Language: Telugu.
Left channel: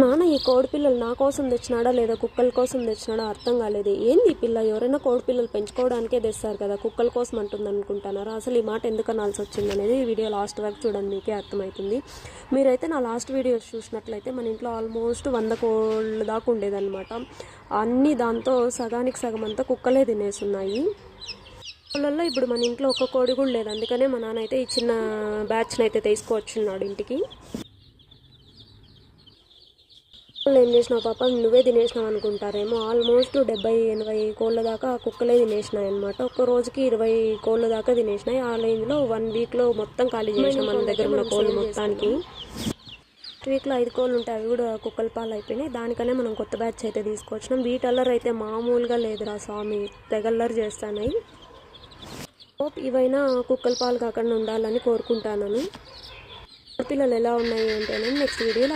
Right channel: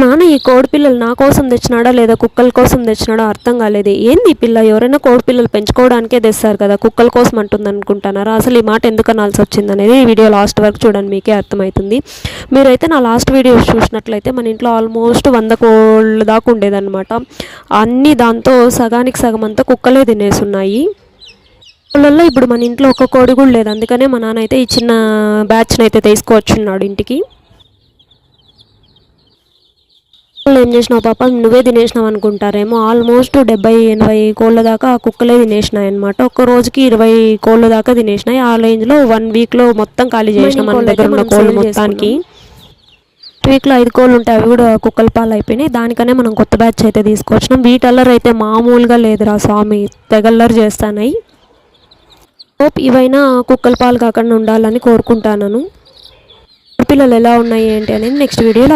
నాన్న ఈ కోడి పిల్లలు నా కోసం తెచ్చినాడా లేదా కుక్కల కోసం తెచ్చినాడో అర్థం కాలేదు. ఏంది ఈ పిల్ల, ఎవరైనా కోడి పిల్లలు పెంచుకోవడానికే తెస్తారు కదా, కుక్కల కోసం అంటుంది అనుకుంటున్నారా? అసలు ఈ మాట ఎందుకు అనాల్సి వచ్చింది అనేది ఈ వీడియో లాస్ట్ వరకు చూడండి, మీకే అర్థమవుతుంది. మీరైతే నా లాస్ట్ వీడియో చూసినట్లయితే మన ఇంట్లో ఆల్మోస్ట్ 100 కోళ్ళ దాకా ఉండేదన్నమాట. అన్నీ దాంతో సగానికి సగం అంతా కుక్కలే తినేసున్నాయి. కోళ్ళల్లో ఇప్పుడు మన ఇంట్లో ఒక్క కోడి కూడా లేదు. అందుకనే మా నాన్న అయితే ఈ చిన్న బ్యాచ్ని అయితే తీసుకువచ్చున్నాడు ఇంటికి. ఏం చేసినావు పాప, నువ్వే తినేసినావు అనుకుంటారేమో. ఆల్మోస్ట్ 70-80 కోళ్ళ దాకా ఆ కుక్కలే తినేసినాయి అనమాట. ఒక్క రోజుకి 20 కోళ్ళ దాకా తినేసినాయి. ఆ రేంజ్లో 1 వీక్లో మొత్తం ఖాళీ చేసినాం మన దగ్గర ఉన్న కోళ్ళు మొత్తానికి. వీక్లో 5 కోళ్ళు ఉంటాయి, అవి కూడా కుక్కల పాలు అయిపోయినాయి. దానికనే మనం కొత్త బ్యాచ్ అయితే తీసుకొచ్చినాం. వీటల్లర్ అయితే మామూలుగా లేదురా స్వామి, తెగల్లరు చేస్తానాయి. హోప్ ఇవైనా కుక్కల పాలు కాకుండా ఉండాలని కోరుకుంటాను. పిల్లలు ఎలా ఉన్నాయి ఏంటి అనేది నెక్స్ట్ వీడియోలో